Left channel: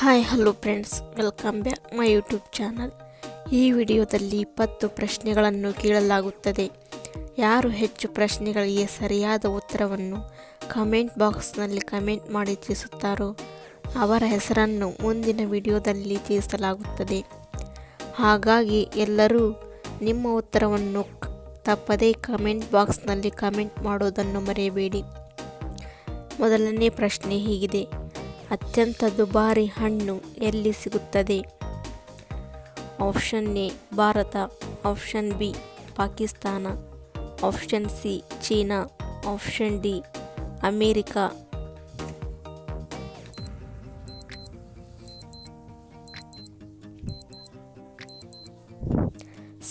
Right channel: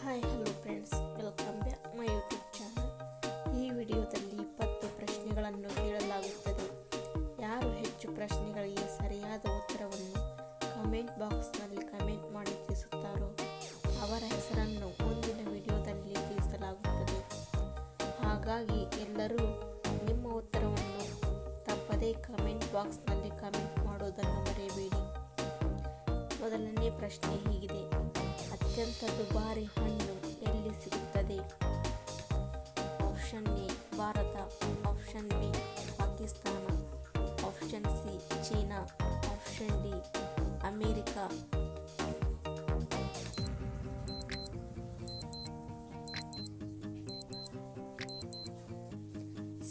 Hi hello friends, welcome back my YouTube channel. ಈ ವಿಡಿಯೋದಲ್ಲಿ 20 ಪ್ರಶ್ನೆಗಳನ್ನು ಕೇಳಲಾಗುತ್ತದೆ. ಯಾರು ಹೆಚ್ಚು ಪ್ರಶ್ನೆಗಳಿಗೆ ಸರಿಯಾದ ಉತ್ತರವನ್ನು ಕಮೆಂಟ್ ಬಾಕ್ಸ್ನಲ್ಲಿ ಕಮೆಂಟ್ ಮಾಡಿ ತಿಳಿಸುತ್ತಾರೋ ಅವರ ಹೆಸರನ್ನು ಮುಂದಿನ ವಿಡಿಯೋದಲ್ಲಿ ತಿಳಿಸಲಾಗುತ್ತದೆ. ಹಾಗಾಗಿ ಎಲ್ಲರೂ ನಿಮ್ಮ ಉತ್ತರವನ್ನು ತಪ್ಪದೇ ಕಮೆಂಟ್ ಬಾಕ್ಸ್ನಲ್ಲಿ ಕಮೆಂಟ್ ಮಾಡೋದನ್ನು ಮರೆಯಬೇಡಿ. ಮೊದಲನೇ ಪ್ರಶ್ನೆ ಹೀಗಿದೆ: ಅತ್ಯಂತ ದುಬಾರಿ ಹಣ್ಣು ಎಲ್ಲಿ ಸಿಗುತ್ತದೆ? Option A Bharat, option B Pakistan, option C China, option D America.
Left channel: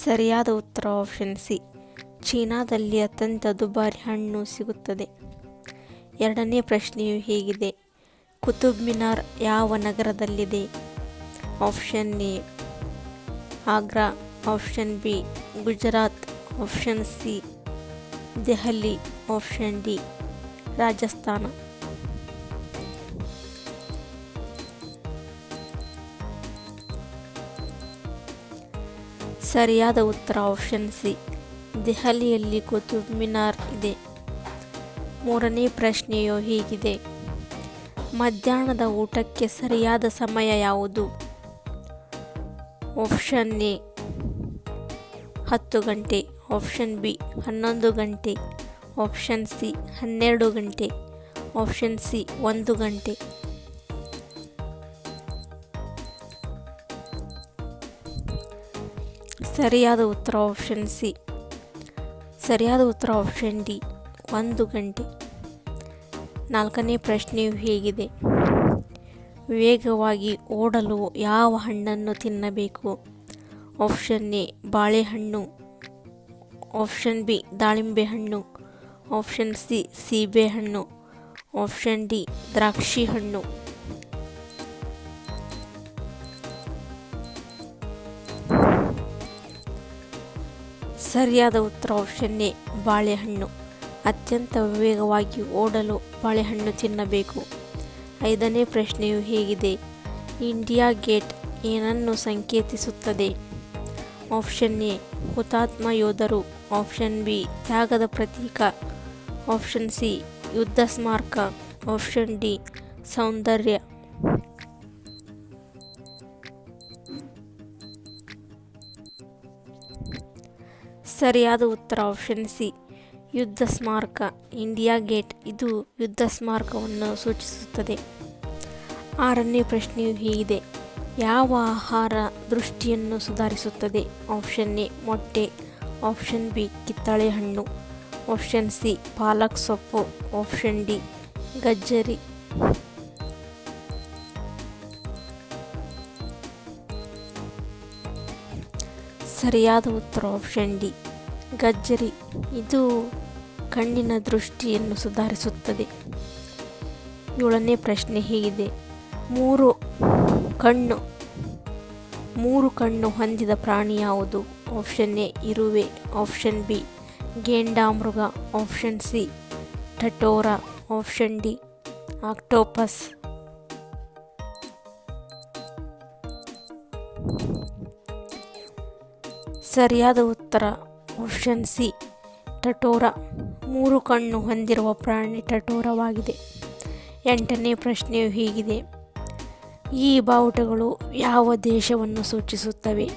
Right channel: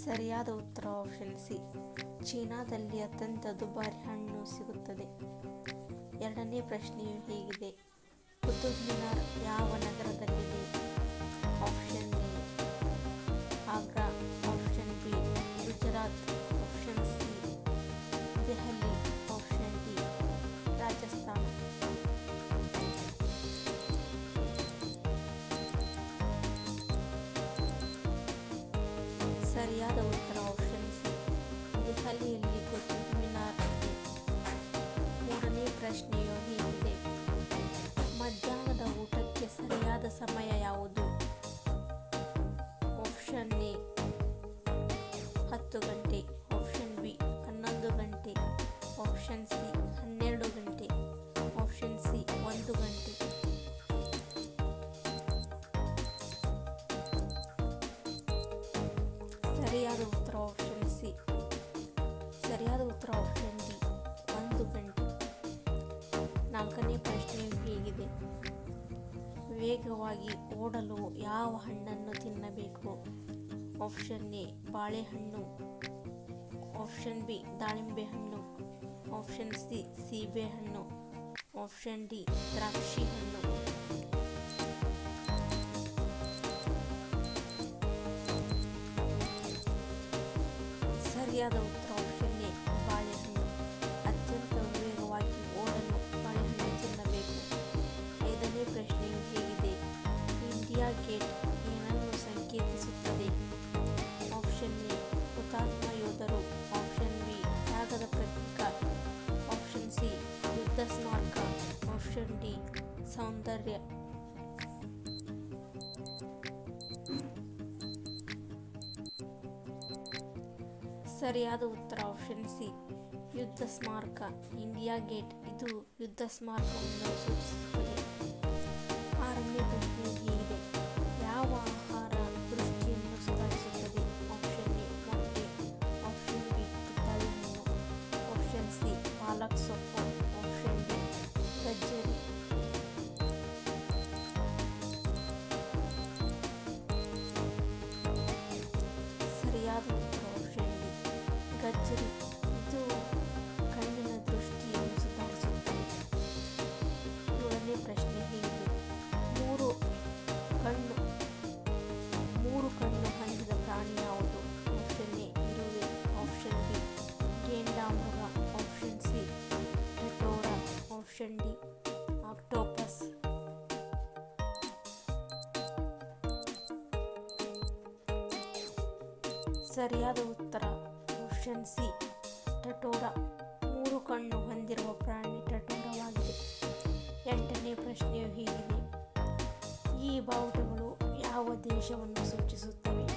ಸರಿಯಾದ ಉತ್ತರ ಆಪ್ಷನ್ ಸಿ, ಚೀನಾದಲ್ಲಿ ಅತ್ಯಂತ ದುಬಾರಿ ಹಣ್ಣು ಸಿಗುತ್ತದೆ. ಎರಡನೇ ಪ್ರಶ್ನೆಯು ಹೀಗಿದೆ: ಕುತುಬ್ ಮಿನಾರ್ ಯಾವ ನಗರದಲ್ಲಿದೆ? Option A Agra, option B Gujarat, option C Delhi, option D Rajasthan. ಸರಿಯಾದ ಉತ್ತರ ಆಪ್ಷನ್ ಸಿ, ದೆಹಲಿಯಲ್ಲಿ ಕುತುಬ್ ಮಿನಾರ್ ಇದೆ. ಮೂರನೇ ಪ್ರಶ್ನೆಯು ಹೀಗಿದೆ: ಮಧ್ಯಾಹ್ನದ ಊಟಕ್ಕೆ ಸರಿಯಾದ ಸಮಯ ಯಾವುದು? ಆಪ್ಷನ್ ಎ 10 ಗಂಟೆ, ಆಪ್ಷನ್ ಬಿ 11 ಗಂಟೆ, ಆಪ್ಷನ್ ಸಿ 12 ಗಂಟೆ, ಆಪ್ಷನ್ ಸಿ 1 ಗಂಟೆ. ಸರಿಯಾದ ಉತ್ತರ ಆಪ್ಷನ್ ಸಿ. ಸರಿಯಾದ ಉತ್ತರ ಆಪ್ಷನ್ ಡಿ 1 ಗಂಟೆ. ನಾಲ್ಕನೇ ಪ್ರಶ್ನೆಯು ಹೀಗಿದೆ: ವೇಗವಾಗಿ ಓಡಲು ಯಾವ ಹಣ್ಣನ್ನು ತಿನ್ನಬೇಕು? ಆಪ್ಷನ್ ಎ ಬಾಳೆಹಣ್ಣು, ಆಪ್ಷನ್ ಬಿ ದಾಳಿಂಬೆ ಹಣ್ಣು, ಆಪ್ಷನ್ ಸಿ ಸೀಬೆಹಣ್ಣು, ಆಪ್ಷನ್ ಡಿ ದ್ರಾಕ್ಷಿ ಹಣ್ಣು. ಸರಿಯಾದ ಉತ್ತರ ಆಪ್ಷನ್ ಎ ಬಾಳೆಹಣ್ಣು. ಅತ್ಯಂತ ವೇಗವಾಗಿ ಓಡಲು ಬಾಳೆಹಣ್ಣು ತಿನ್ನಬೇಕು. ಐದನೇ ಪ್ರಶ್ನೆಯು ಹೀಗಿದೆ: ಇಂಡಿಯಾ ಗೇಟ್ ಏನನ್ನು ಸಂಕೇತಿಸುತ್ತದೆ? ಆಪ್ಷನ್ ಎ ಹುತಾತ್ಮ ಯೋಧರು, ಆಪ್ಷನ್ ಬಿ ತ್ಯಾಗದ ಪ್ರತೀಕ, ಆಪ್ಷನ್ ಸಿ ಯುದ್ಧ ಸ್ಮಾರಕ, ಆಪ್ಷನ್ ಡಿ ಸೌಂದರ್ಯ. ಸರಿಯಾದ ಉತ್ತರ ಆಪ್ಷನ್ ಸಿ ಯುದ್ಧ ಸ್ಮಾರಕ. ಇಂಡಿಯಾ ಗೇಟ್ ಇದು ಯುದ್ಧ ಸ್ಮಾರಕವನ್ನು ಸೂಚಿಸುತ್ತದೆ. ಆರನೇ ಪ್ರಶ್ನೆಯು ಹೀಗಿದೆ: ಯಾವ ಆಹಾರ ದೃಷ್ಟಿಯನ್ನು ಸುಧಾರಿಸುತ್ತದೆ? ಆಪ್ಷನ್ ಎ ಮೊಟ್ಟೆ, ಆಪ್ಷನ್ ಬಿ ಕಿತ್ತಳೆ ಹಣ್ಣು, ಆಪ್ಷನ್ ಸಿ ಪಾಲಕ್ ಸೊಪ್ಪು, ಆಪ್ಷನ್ ಡಿ ಗಜ್ಜರಿ. ಸರಿಯಾದ ಉತ್ತರ ಆಪ್ಷನ್ ಡಿ ಗಜ್ಜರಿ. ಇದು ಕಣ್ಣಿನ ದೃಷ್ಟಿಯನ್ನು ಸುಧಾರಿಸುತ್ತದೆ. ಏಳನೇ ಪ್ರಶ್ನೆ ಹೀಗಿದೆ: ಮೂರು ಕಣ್ಣು ಹೊಂದಿದ ಪ್ರಾಣಿ ಯಾವುದು? ಆಪ್ಷನ್ ಎ ಇರುವೆ, ಆಪ್ಷನ್ ಬಿ ಗೇಂಡಾಮೃಗ, ಆಪ್ಷನ್ ಸಿ ಟಟೋರಾ, ಆಪ್ಷನ್ ಡಿ ಆಕ್ಟೋಪಸ್. ಸರಿಯಾದ ಉತ್ತರ ಆಪ್ಷನ್ ಸಿ ಟಟೋರಾ. 3 ಕಣ್ಣು ಹೊಂದಿರುವ ಪ್ರಾಣಿ ಟಟೋರವಾಗಿದೆ. ಎಂಟನೇ ಪ್ರಶ್ನೆಯು ಹೀಗಿದೆ: ಈ ಬಾವುಟಗಳು ಯಾವ ದೇಶವನ್ನು ಸೂಚಿಸುತ್ತವೆ?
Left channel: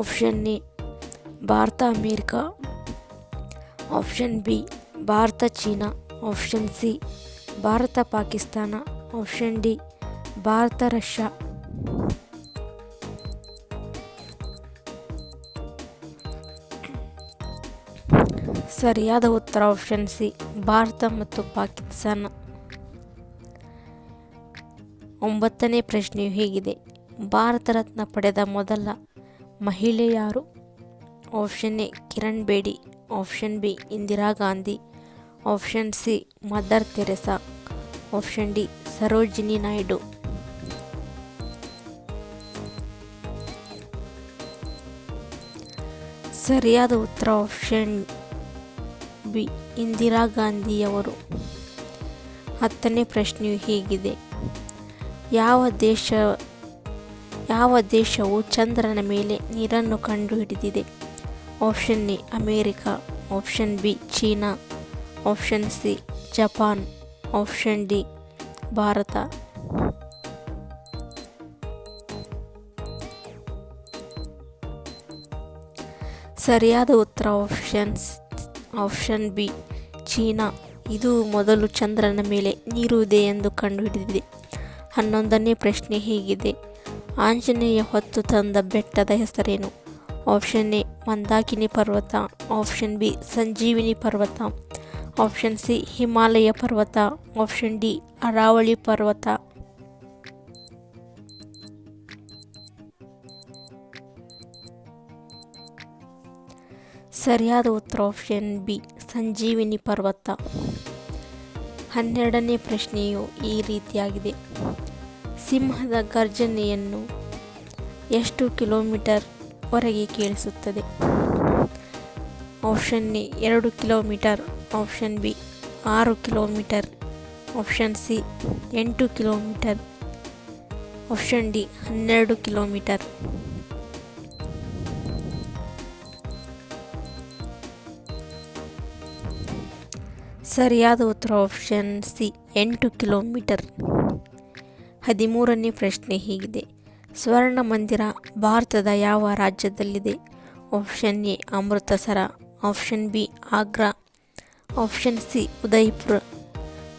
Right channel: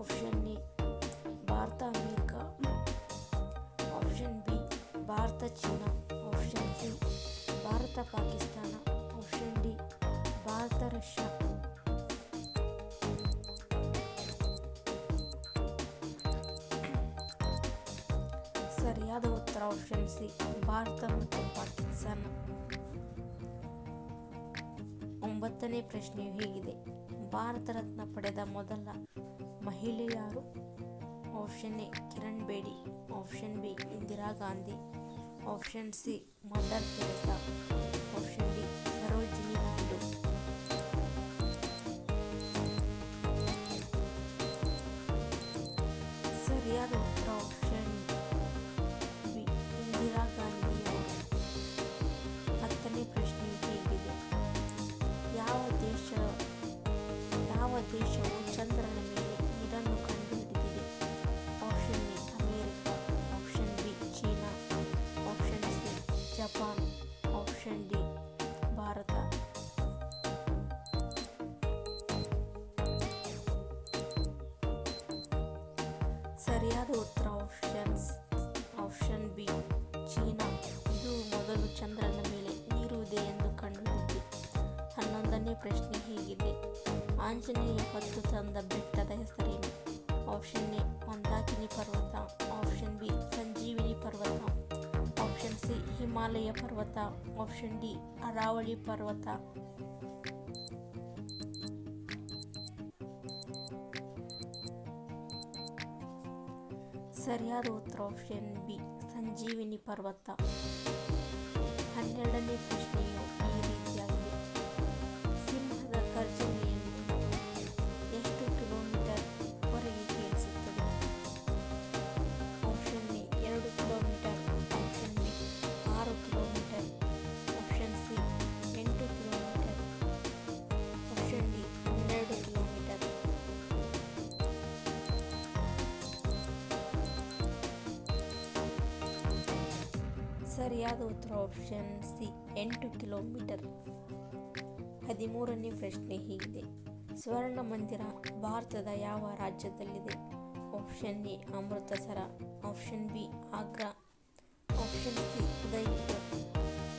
Option A Bharat America, option B Bharat China, option C Bharat Pakistan, option D Bharat Russia. ಸರಿಯಾದ ಉತ್ತರ ಆಪ್ಷನ್ ಸಿ ಭಾರತ ಮತ್ತು ಪಾಕಿಸ್ತಾನ. ಒಂಬತ್ತನೇ ಪ್ರಶ್ನೆಯು ಹೀಗಿದೆ: ಭಾರತ ರತ್ನ ಪಡೆದ ಮೊದಲ ಮಹಿಳೆ ಯಾರು? Option A Kiran Bedi, option B Indira Gandhi, option C Mother Teresa, option D Sarojini Naidu. ಸರಿಯಾದ ಉತ್ತರ ಆಪ್ಷನ್ ಬಿ ಇಂದಿರಾ ಗಾಂಧಿಯವರು. 10ನೇ ಪ್ರಶ್ನೆಯು ಹೀಗಿದೆ: ಯಾವ ದೇಶ ಯಾವ ದೇಶವು ಚಂದ್ರನ ಮೇಲೆ ನೀರನ್ನು ಕಂಡುಹಿಡಿದಿದೆ? Option A America, option B China, option C Japan, option D Bharat. ಸರಿಯಾದ ಉತ್ತರ ಆಪ್ಷನ್ ಬಿ ಚೀನಾ. ಇದು ಮೊದಲು ಚಂದ್ರನ ಮೇಲೆ ನೀರು ಇದೆ ಎಂದು ಕಂಡುಹಿಡಿದಿದೆ. 11ನೇ ಪ್ರಶ್ನೆ ಹೀಗಿದೆ: ಆಂಜನೇಯ ಹೊತ್ತು ತಂದ ಬೆಟ್ಟದ ಹೆಸರೇನು? ಆಪ್ಷನ್ ಎ ಮಂದಾಕಿನಿ ಪರ್ವತ, ಆಪ್ಷನ್ ಬಿ ಸಂಜೀವಿನಿ ಪರ್ವತ, ಆಪ್ಷನ್ ಸಿ ಹಿಮಾಲಯ ಪರ್ವತ, ಆಪ್ಷನ್ ಡಿ ಅರಾವಳಿ ಪರ್ವತ. ಸರಿಯಾದ ಉತ್ತರ ಆಪ್ಷನ್ ಬಿ ಸಂಜೀವಿನಿ ಪರ್ವತ. 12ನೇ ಪ್ರಶ್ನೆಯು ಈ ರೀತಿಯಾಗಿದೆ: ಸಿಂಹದ ಗರ್ಜನೆಯನ್ನು ಎಷ್ಟು ಕಿಲೋಮೀಟರ್ ವರೆಗೆ ಕೇಳಿಸುತ್ತದೆ? Option A 2 kilometre, option B 6 kilometre, option C 8 kilometre, option D 12 kilometre. ಸರಿಯಾದ ಉತ್ತರ ಆಪ್ಷನ್ ಸಿ 8 ಕಿಲೋಮೀಟರ್. 13ನೇ ಪ್ರಶ್ನೆ ಹೀಗಿದೆ: ಸ್ವರ್ಣ ಮಂದಿರ ಭಾರತದ ಯಾವ ರಾಜ್ಯದಲ್ಲಿದೆ? Option A Amritsar, option B Agra, option C Udaipur,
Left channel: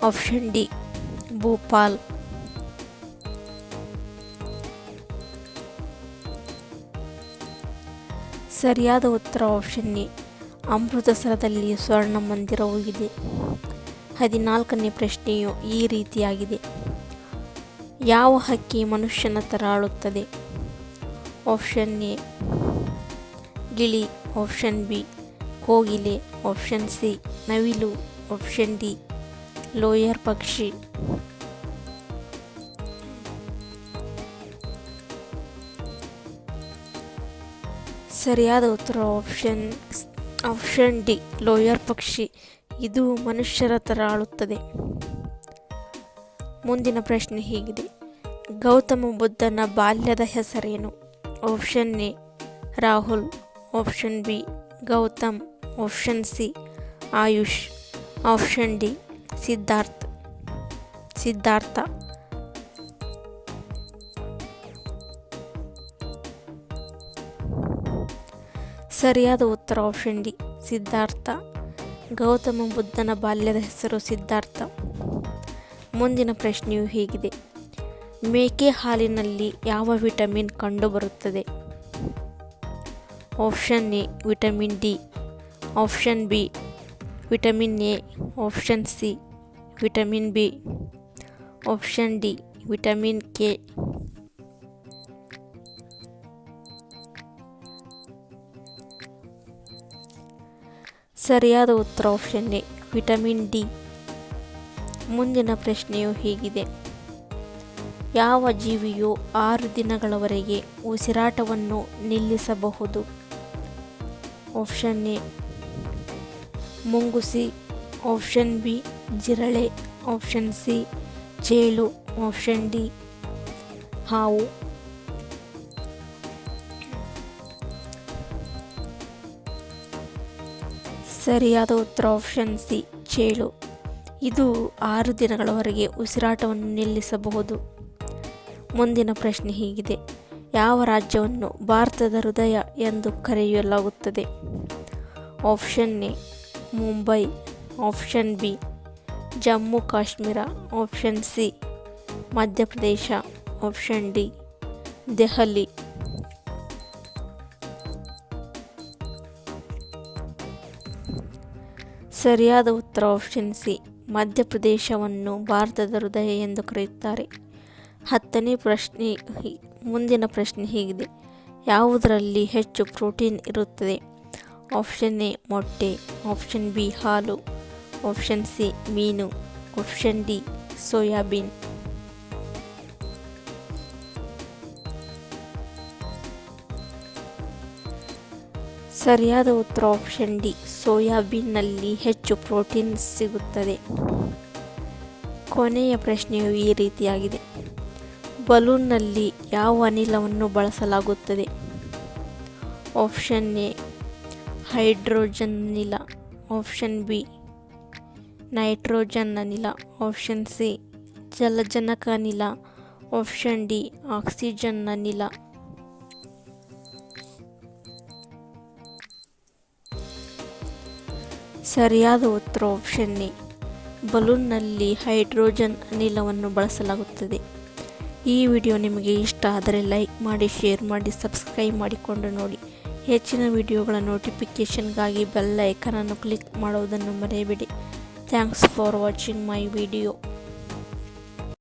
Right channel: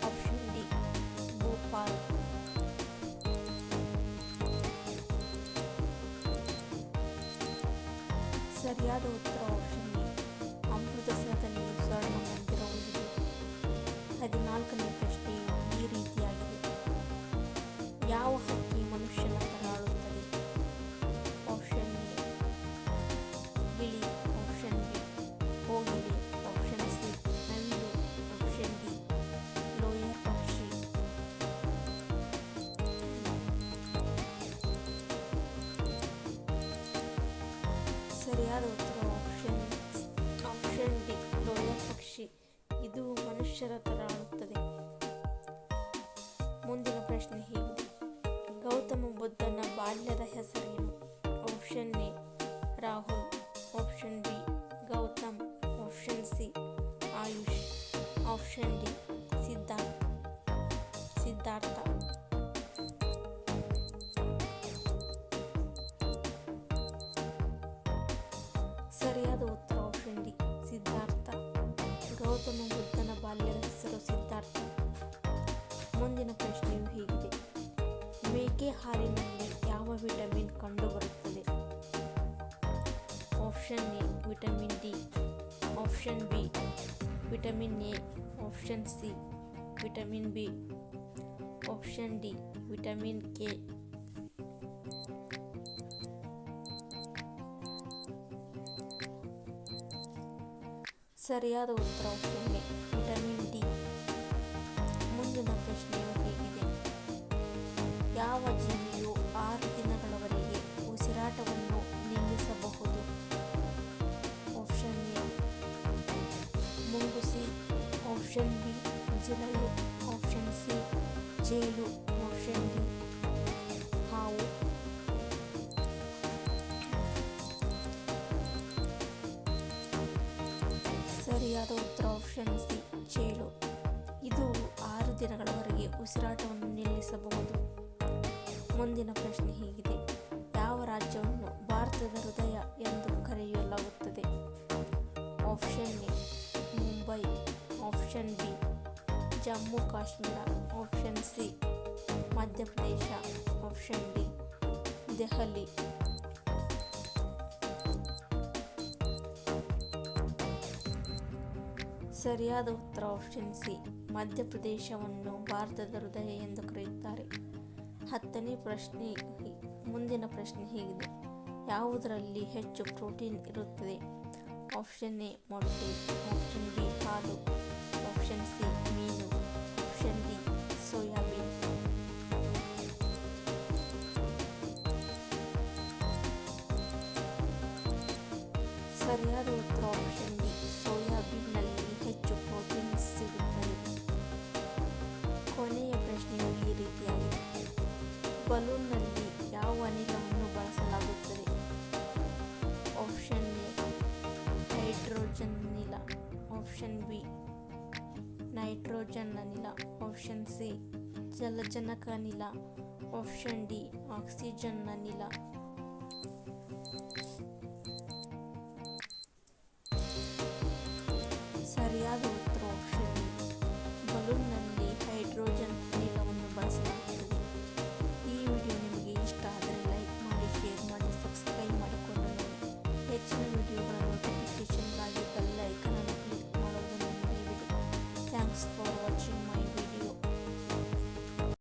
option D Bhopal. ಸರಿಯಾದ ಉತ್ತರ ಆಪ್ಷನ್ ಎ ಅಮೃತಸರದಲ್ಲಿ ಸ್ವರ್ಣ ಮಂದಿರವೂ ಇದೆ. 14ನೇ ಪ್ರಶ್ನೆಯು ಈ ರೀತಿಯಾಗಿದೆ: ಯಾವ ಹಕ್ಕಿ ಮನುಷ್ಯನ ಥರ ಆಳುತ್ತದೆ? ಆಪ್ಷನ್ ಎ ಗಿಳಿ, ಆಪ್ಷನ್ ಬಿ ಕೋಗಿಲೆ, ಆಪ್ಷನ್ ಸಿ ನವಿಲು, ಆಪ್ಷನ್ ಡಿ ಲೋಯರ್ ಪಕ್ಷಿ. ಸರಿಯಾದ ಉತ್ತರ ಆಪ್ಷನ್ ಡಿ ಲೋಯರ್ ಪಕ್ಷಿ. ಇದು ಮನುಷ್ಯರ ಥರ ಆಳುತ್ತದೆ. ಮುಂದಿನ ಪ್ರಶ್ನೆ ಹೀಗಿದೆ: ಗೌತಮ ಬುದ್ಧನ ಬಾಲ್ಯದ ಹೆಸರೇನು? Option A Rahul, option B Gautam, option C Ayush, option D Siddhartha. ಸರಿಯಾದ ಉತ್ತರ ಆಪ್ಷನ್ ಡಿ ಸಿದ್ಧಾರ್ಥ. ಗೌತಮ ಬುದ್ಧನ ಬಾಲ್ಯದ ಹೆಸರು ಸಿದ್ಧಾರ್ಥ. ಮುಂದಿನ ಪ್ರಶ್ನೆಯು ಹೀಗಿದೆ: ಮೇಕೆ ಹಾಲಿನಲ್ಲಿ ಯಾವ ವಿಟಮಿನ್ ಕಂಡುಬರುತ್ತದೆ? Option A vitamin D, option B vitamin A, option C vitamin B, option D vitamin K. ಸರಿಯಾದ ಉತ್ತರ ಆಪ್ಷನ್ ಎ ವಿಟಮಿನ್ ಡಿ. ಮುಂದಿನ ಪ್ರಶ್ನೆಯು ಹೀಗಿದೆ: ಯಾವ ಜೀವಿಯು 6 ದಿನಗಳವರೆಗೆ ಉಸಿರಾಟವನ್ನು ನಿಲ್ಲಿಸಬಹುದು? ಆಪ್ಷನ್ ಎ ಮುಂಗುಸಿ, ಆಪ್ಷನ್ ಬಿ ಜಿರಳೆ, ಆಪ್ಷನ್ ಸಿ ಚೇಳು, ಆಪ್ಷನ್ ಡಿ ಹಾವು. ಸರಿಯಾದ ಉತ್ತರ ಆಪ್ಷನ್ ಸಿ ಚೇಳು. ಇದು 6 ದಿನಗಳವರೆಗೆ ಉಸಿರಾಟವನ್ನು ನಿಲ್ಲಿಸಬಹುದು. ಮುಂದಿನ ಪ್ರಶ್ನೆ ಹೀಗಿದೆ: ಯಾವ ರಾಜ್ಯವನ್ನು ಭಾರತದ ಹೃದಯ ಎಂದು ಕರೆಯಲಾಗುತ್ತದೆ? Option A Mumbai, option B Jammu Kashmir, option C Madhya Pradesh, option D Delhi. ಸರಿಯಾದ ಉತ್ತರ ಆಪ್ಷನ್ ಸಿ ಮಧ್ಯಪ್ರದೇಶವನ್ನು ಭಾರತದ ಹೃದಯ ಎಂದು ಕರೆಯುತ್ತಾರೆ. 10ನೇ ಪ್ರಶ್ನೆ ಮುಂದಿನ ಪ್ರಶ್ನೆ ಹೀಗಿದೆ: ಯಾವುದರಲ್ಲಿ ಹೆಚ್ಚು ಪ್ರೋಟೀನ್ ಇರುತ್ತದೆ? ಆಪ್ಷನ್ ಎ ಮೊಟ್ಟೆ, ಆಪ್ಷನ್ ಬಿ ಹಾಲು, ಆಪ್ಷನ್ ಸಿ ಮೀನು, ಆಪ್ಷನ್ ಡಿ ಸೋಯಾಬೀನ್. ಸರಿಯಾದ ಉತ್ತರ ಆಪ್ಷನ್ ಡಿ ಸೋಯಾಬೀನ್ನಲ್ಲಿ ಹೆಚ್ಚು ಪ್ರೋಟೀನ್ ಸಿಗುತ್ತದೆ. ಕೊನೆಯ ಪ್ರಶ್ನೆಯು ಈ ರೀತಿಯಾಗಿದೆ: ಬಲೂನ್ನಲ್ಲಿ ಯಾವ ಅನಿಲವನ್ನು ಬಳಸಲಾಗುತ್ತದೆ? ಆಪ್ಷನ್ ಎ ಹೈಡ್ರೋಜನ್ ಅನಿಲ, ಆಪ್ಷನ್ ಬಿ ನೈಟ್ರೋಜನ್ ಅನಿಲ, ಆಪ್ಷನ್ ಸಿ ಜಲಜನಕ ಅನಿಲ, ಆಪ್ಷನ್ ಡಿ ಆಕ್ಸಿಜನ್ ಅನಿಲ. ಸರಿಯಾದ ಉತ್ತರ ಆಪ್ಷನ್ ಎ, ಬಲೂನ್ನಲ್ಲಿ ಹೈಡ್ರೋಜನ್ ಅನಿಲವನ್ನು ಬಳಸಲಾಗುತ್ತದೆ. ಈ ವಿಡಿಯೋ ನಿಮಗೆ ಇಷ್ಟ ಆದರೆ ಲೈಕ್ ಮಾಡಿ, ಶೇರ್ ಮಾಡಿ, ಸಬ್ಸ್ಕ್ರೈಬ್ ಮಾಡಿಕೊಂಡು ನೋಡಿ. ಹೆಚ್ಚಿನ ವಿಡಿಯೋಗಳ ನೋಟಿಫಿಕೇಷನ್ಗಾಗಿ ಬೆಲ್ ಐಕಾನ್ ಅನ್ನು ಕ್ಲಿಕ್ ಮಾಡುವುದನ್ನು ಮರೆಯಬೇಡಿ. Thanks for watching my video.